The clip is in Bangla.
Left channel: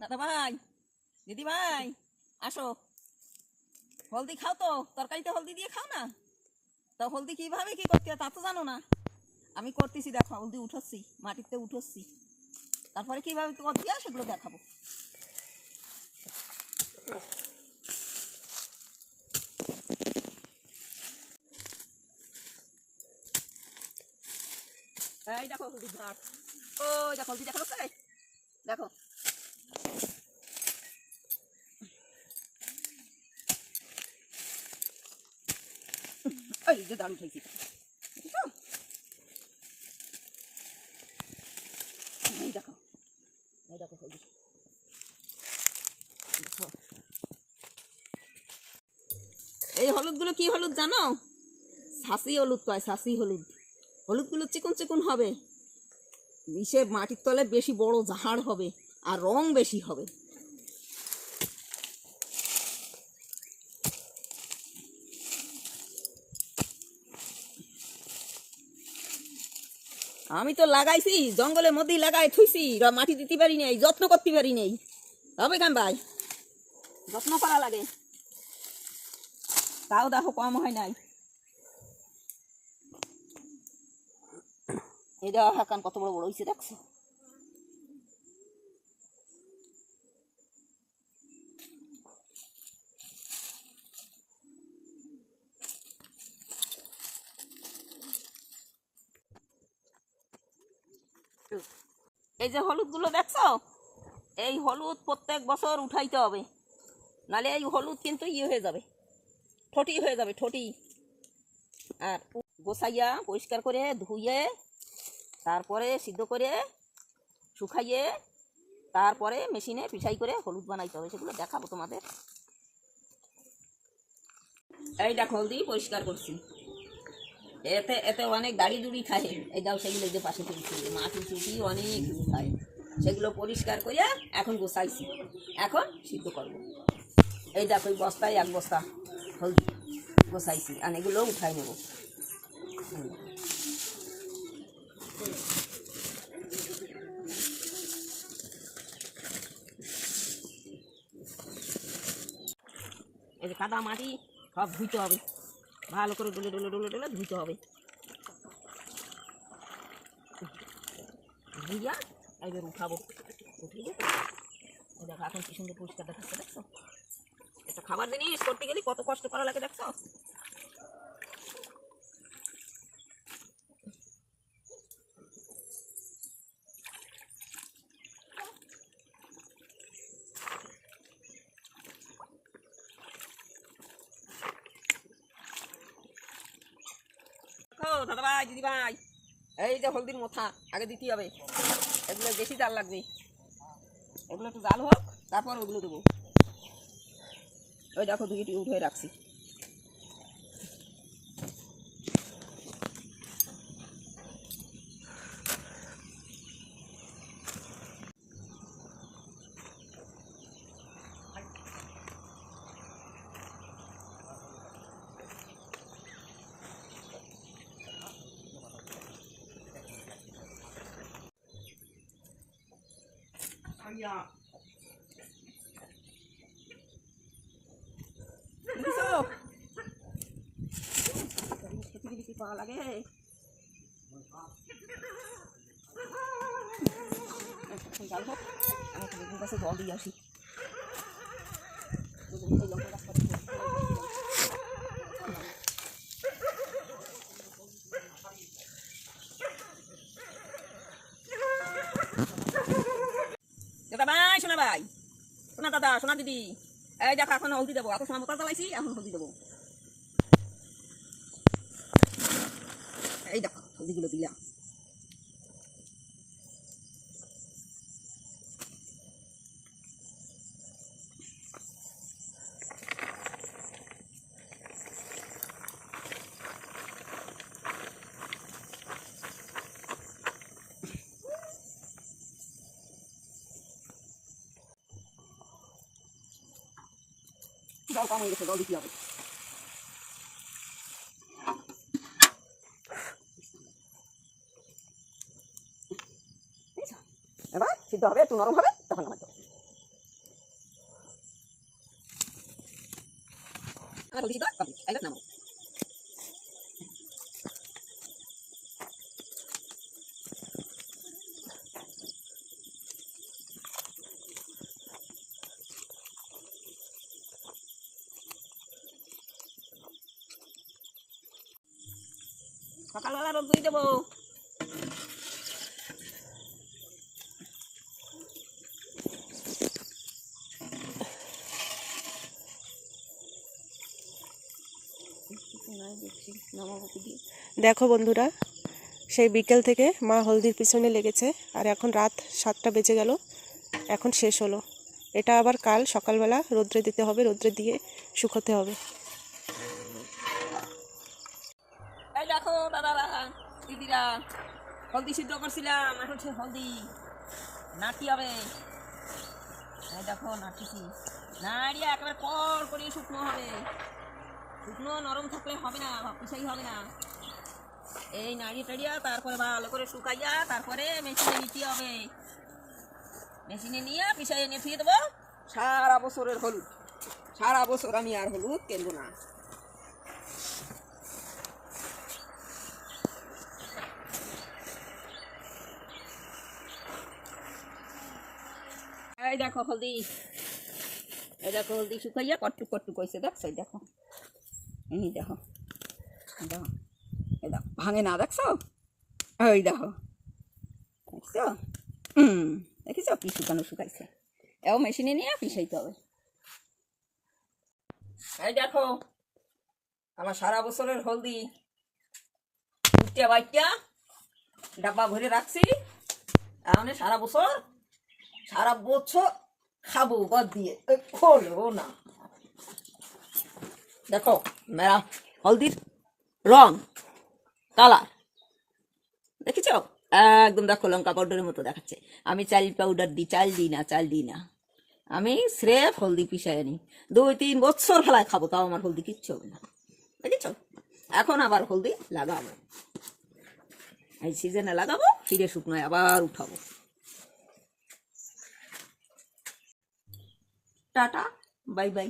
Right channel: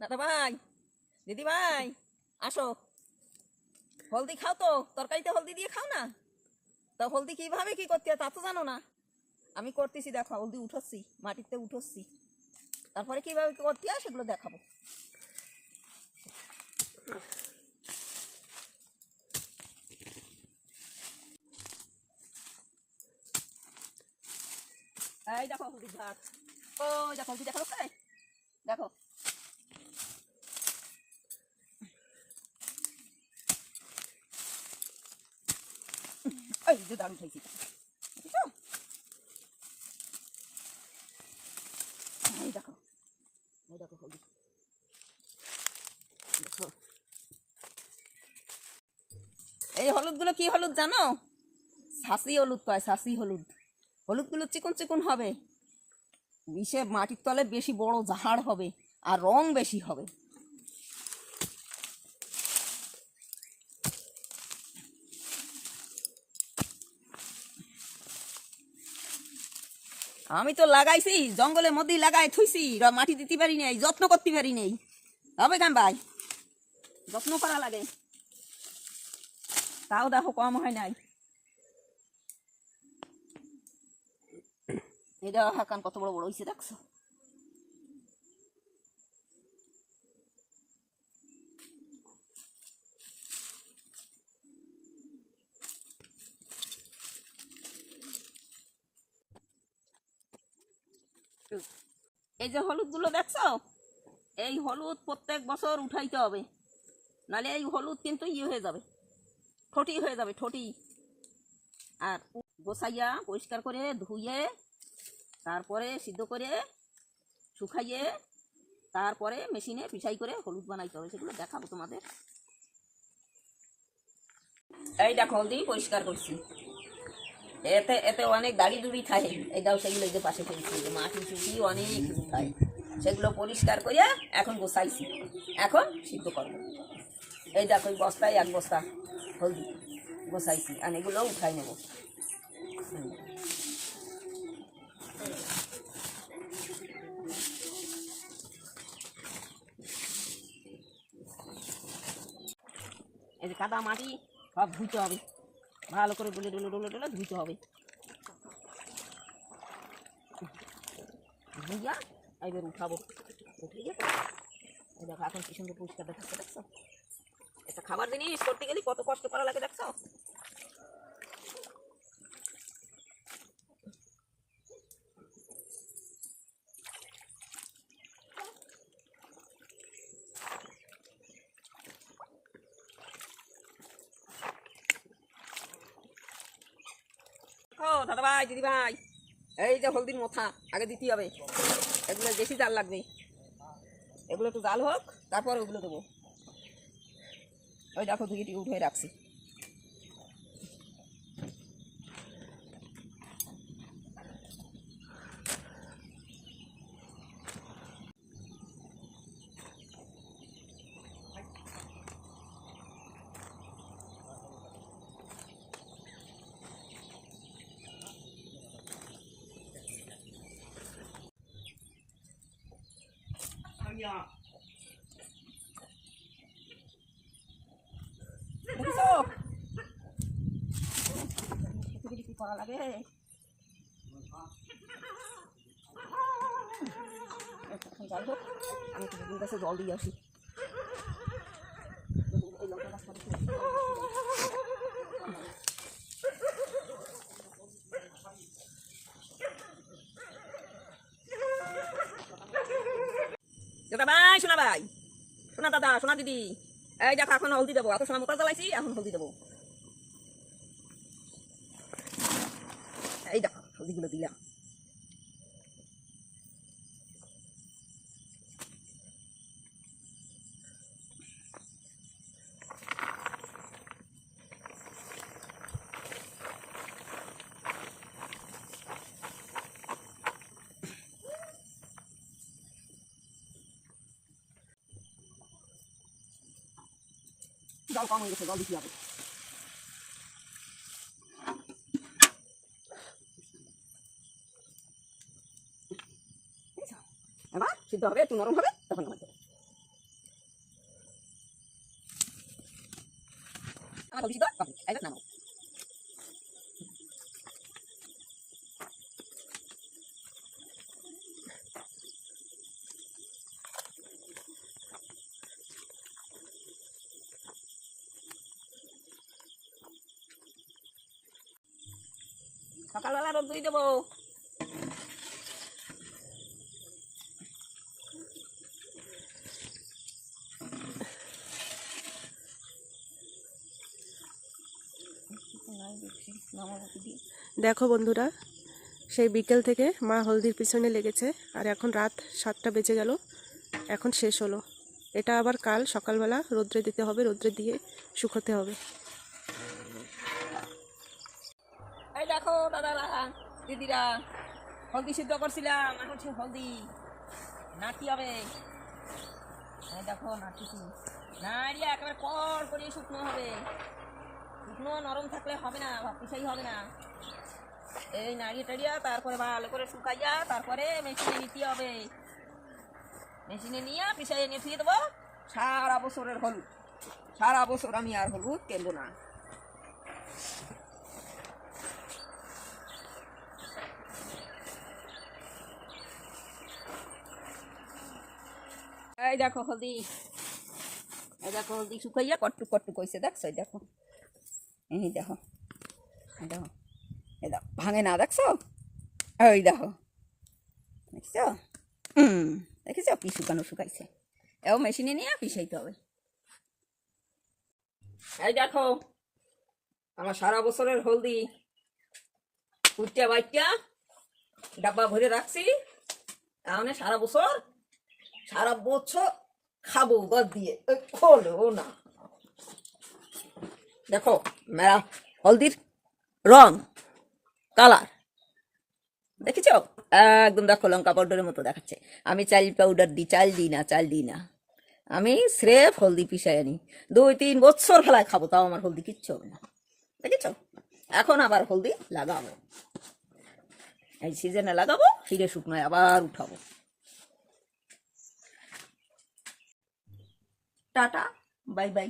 দাদা ভাই দিদি ভাই আসো। হলদি খাও তো, তরকারিতে হলদি দিয়ে খাও না? তা হলদি কীভাবে কি করতে তা তো জানো না। আমি করতেছি, দেখো, হলদি উঠোচ্ছি, মাটিতে উঠোচ্ছি। তারপরে কীভাবে করতে হয় সেগুলো দেখাবো। এই দেখো হলদি ঘাট ও দেখো, হলদি দেখো তো? দেখো এই হলদি। হলুদগুলো কি হলুদ জানো? সাসি হলুদ কয় সাসি হলুদ। হলুদগুলো চিকন চিকন হবে। ইসে মাটির তলে বেশি বড় ঝাড় হবে আর রং বেশি হবে। আমি তো লাগাইছি, জঙ্গলের মধ্যেই লাগাই থুইছি মাটি দিতে পারি নাই, যত্ন করতে পারি নাই। হবে কেন ভাই? যত্ন করা লাগে। তাও দেখো কম হয় নাই। এটা হাকান কত বড় বড় হয়েছে দেখছ? এই যে হলুদগুলো দেখছ? এই হলুদ প্রত্যেক বছর উঠাইতে হবে। নালে এই হলুদ কিন্তু ইয়ে হয়ে যাবে। ঠটি হয়ে যাবে ঠটি আর গোসাইয়া পরিষ্কার করে ধুয়ে তারপরে সিদ্ধ করে শুকাইয়ে, তারপরে মেশিনে পিছাই করে হলুদ বানাইতে হবে। সেগুলো দেখাবো তোমাদের। এই হলদি পরিষ্কার করছি। এতে এতে অনেক দাড়ি দুড়ি থাকে। এই দাও সেগুলো যে পাশে ফেলছি মাটি চুটি অনেক কিছু খায়। সেগুলো পরিষ্কার করে এখন গোসাইছি এখন সিদ্ধ করব। এই দেখো, এই বস্তায় এক বস্তা হলদি গোসাইছি আর এগুলো উঠাই নেব। এই যে কাদা মাটি সব ধুইতে হবে। ভালো করে ডুলে ডুলে ডুলে ডুলে ধুতে হবে। ধুইয়া এবার উঠাবো। উঠিয়ে দেখো, এখন কি সুন্দর পরিষ্কার দেখাচ্ছে দেখছ? একটা খাবার জিনিস করতে গেলে কত কষ্ট করা লাগে, দেখছ? ও দাদা ভাই দিদি ভাই এই যে হলদির মোথা, আগে দিতে হবে। এগুলো বেশি জাল লাগবে। এগুলো একটু জাল হোক, তারপর ওগুলো দেবো। ওই দেখো দুইটি উঠে রাখছি। পাওয়া লাগে জল দিয়ে আসি বেগুন এই লঙ্কা গাছ কত সুন্দর। দাদা ভাই সোনা ভাই সোনা দাদা সোনা দিদি। এই দেখো, এখন হলদি দেবো। এত সময় মোটা জ্বালাইছি, এখন হলদি দেবো। এই দেখো, হলদিগুলো দিলাম। জল কম হয়ে গেছে জল দিতে হবে এবার সিদ্ধ হবে একটু নরম হবে তখন আমার দেবো আমার সিদ্ধ হবে সকালবেলা রোদ দিয়ে দেবো। দেখো বন্ধুরা, সেই বিকেল থেকে মা হলদির পিছনে লেগেছে, আর এখন রাত সাতটা বেজে গেল, এখন শেষ হলো। এটা আবার কাল সকালবেলা রোদ্রে দিতে হবে, রোদ্রে দিয়ে শুকোতে হবে। দেখো দাদারা দিদিরা, হলদি সিদ্ধ করছিলাম, এখন হচ্ছে হলদি। নাটি হবে। এই দেখো নাটিছি নাড়িয়ে একেবারে কর করে শুকনো হবে। শুকনো, নরম থাকলে হবে না পিসাই হবে না। এই নাড়িয়ে টাড়িয়া তারপরে ভালো করে শুকাইয়া তারপরে মেশিনে নিতে হবে। মেশিনে নিয়ে পিসাই এনে ফিরে দেবো। সারা বছরের হলুদ। সারা বছর আমি আর হলুদ কিনবো না। এই দেখো হলদি। এই দেখো হলদি শুকাইয়া কট্টু কট্টু কইছে, দেখছ? এই দেখো। এই দেখো। দেখো। এই দেখো। ভাঙে না, দেখছ? ওই দেখো। দেখছ? হুম দেখেছ? কি শুকানো শুকাইছে। এও মেশিনে নিয়ে পিসাইতে হবে। এই দেখো, আমার সারা বছরের হলদি। উঠতে বাইটা ডাব্বা ভরে রাখছি। তাহলে সারা বছর সারা বছর খাব বাদ দিয়ে। খোলো না। দেখো, মেরা, হলদির রং, কালার। দেখেছ? একদম দেখো, লঙ্কা পাউডারের মতো দেখাচ্ছে। আমি চাল পাউডার দিই, চাল দিই না, চাল দিই না। আমি স্রেফ হলদি পিসাই আনি। দুই, তিন বছর ফেলায় খাব, তাও আমার হলদি কিচ্ছু হবে না। দেখেছ? এখন আবার হলদি লাগাবো। এই সিজনে লাগাবো, ফিরে শুকনোয় আবার উঠাবো। Tata bye bye.